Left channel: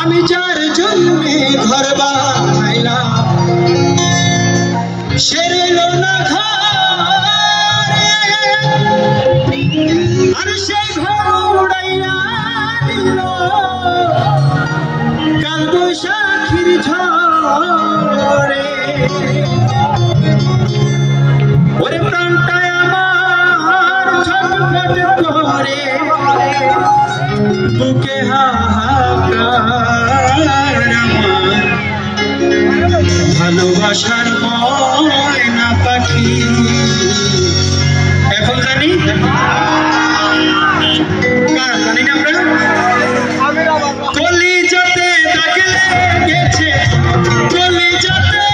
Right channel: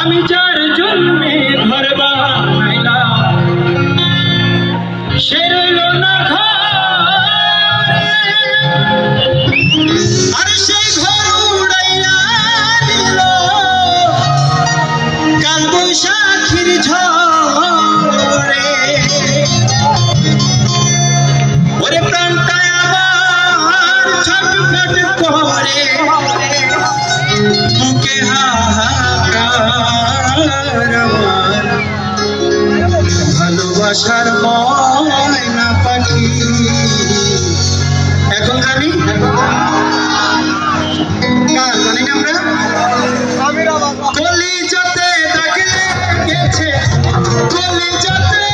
আমি যার জন্যে ঘর বানাইলাম সে রইল না ঘরে, আর সেই ঘর উড়াইয়া নিল কাল বৈশাখীর ঝড়ে। ওরে প্রাণটা আমার ছটফট করে বুকে ভালোবাসার ময়না পাখি। এখন জানি জানি না আমরা কলিজাতে দাগ লেগেছে, কলিজাতে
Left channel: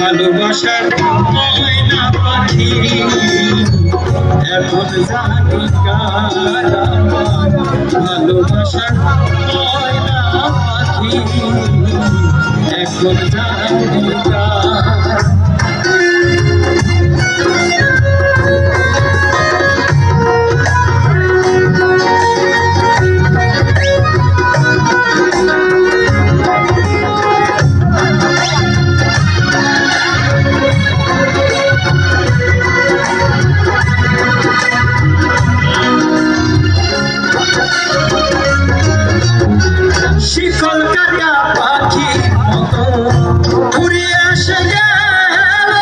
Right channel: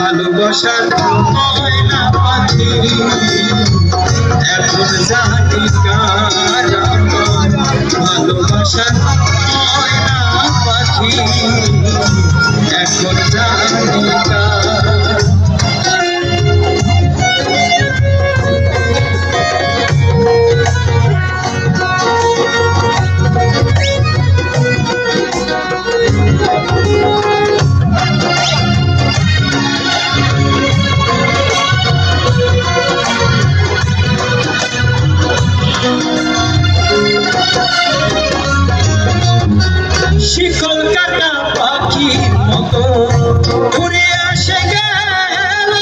ভালোবাসার ময়না পাখি। এখন জানি কার ভালোবাসার ময়না পাখি, এখন জানি কার। শিকল কাটা পাখির মতো উড়ে এসে গেল,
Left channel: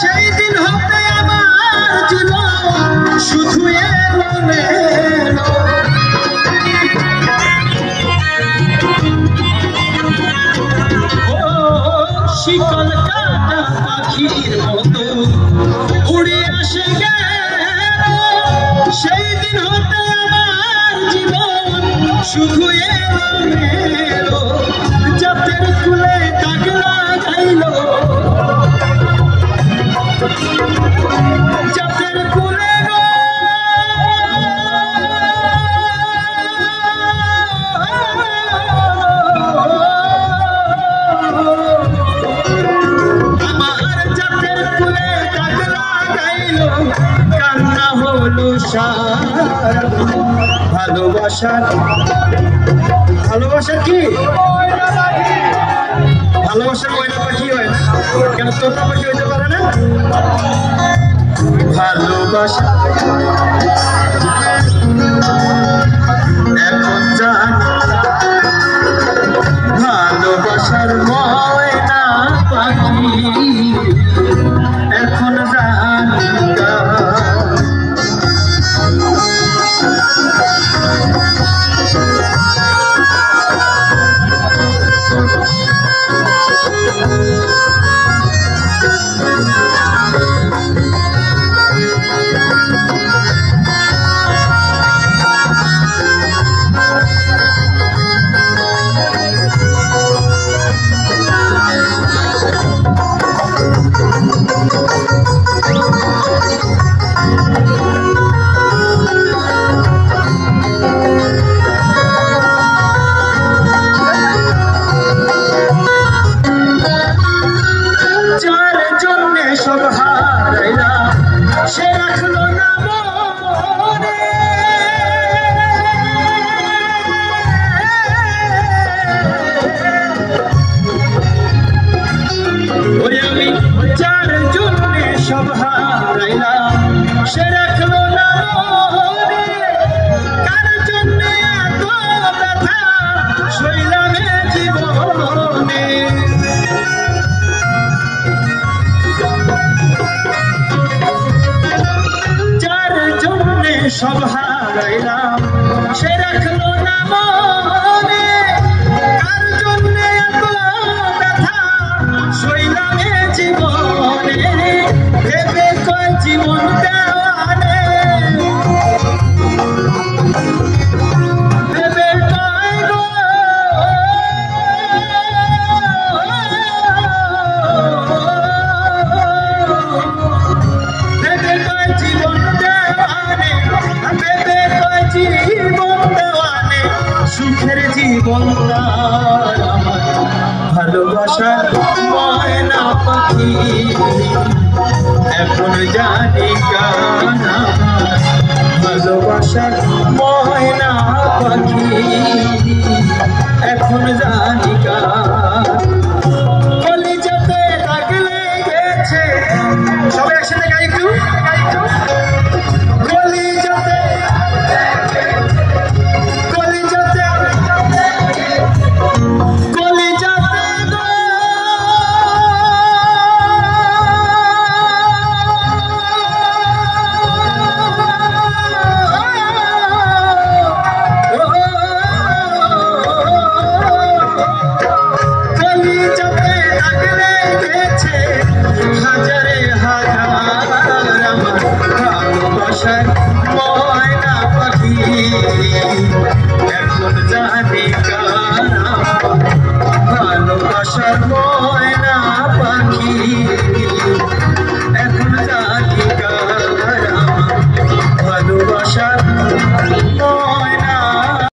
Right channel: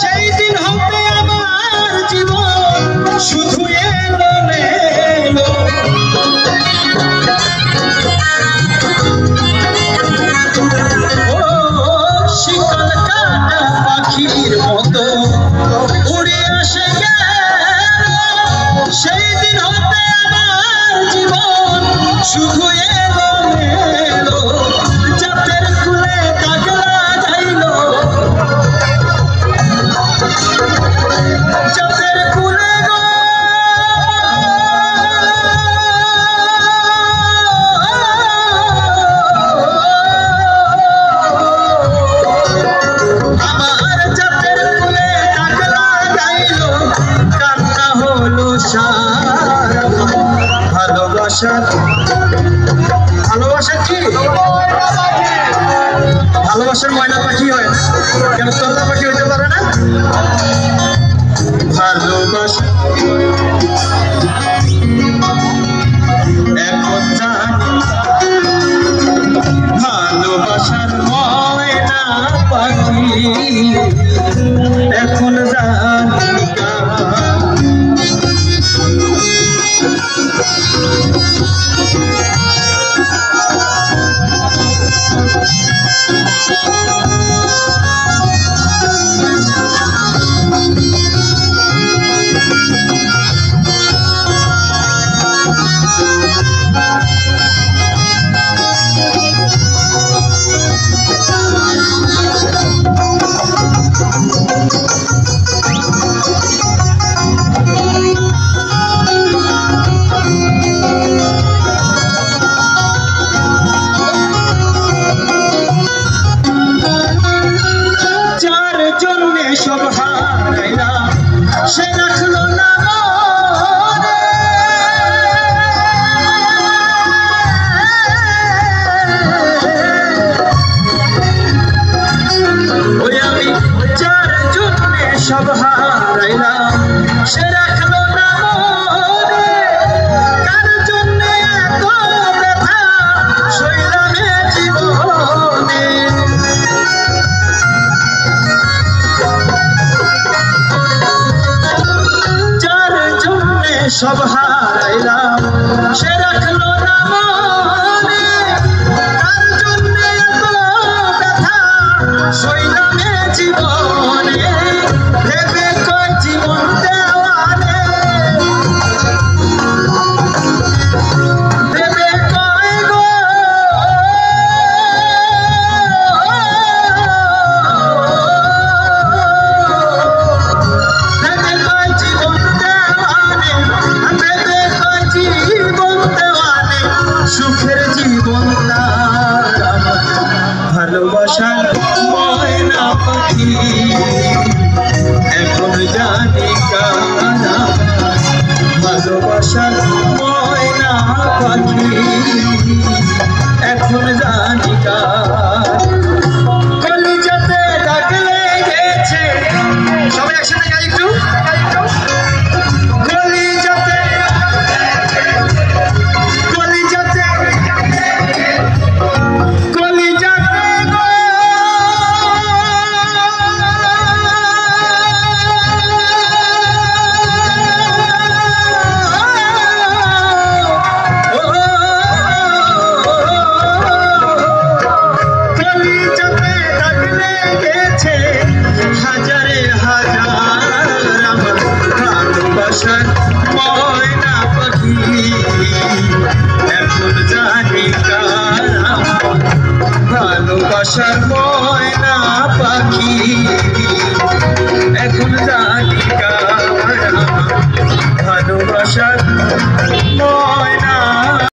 সেই দিন হতে আমার জীবন শুধু এলো এলো। ও শিকল কাটা পাখির মতো উড়ে এসে গেল, সেই দিন হতে আমার জীবন শুধু এলো এলো। জাতের কুলে দাগ লাগাইল, জাতের কুলে গো আমার জাতের কুলে দাগ লাগাইল, কান্না হলো সারা। ভালোবাসার ভালোবাসা কি ভালোবাসার ময়না পাখি হয় না কেন? তোতা পাখি হইতে পারে না? ভালোবাসা এখন জানি ভালোবাসার ময়না পাখি, এখন জানি সব হারাইলাম সে রাখলো না মনে। ওই আমি যার জন্যে সব হারাইলাম সে রাখলো না মনে। কার জন্যে এত ব্যথা সইলাম জীবনে। সব হারাইলাম সে রাখলো না মনে। কার জন্যে এত ব্যথা সইলাম জীবনে। ভেবে কয় জীবন দেওয়ানে, ভেবে কয় গো এখন জানি কার আমার ভালোবাসার ময়না পাখি, এখন জানি কার কলিজাতে দাগ লেগেছে। সবাই একসাথে গাই একটু। কলিজাতে কলিজাতে হাজারে হাজার আমার ভালোবাসার ময়না পাখি, এখন জানি কার ভালোবাসার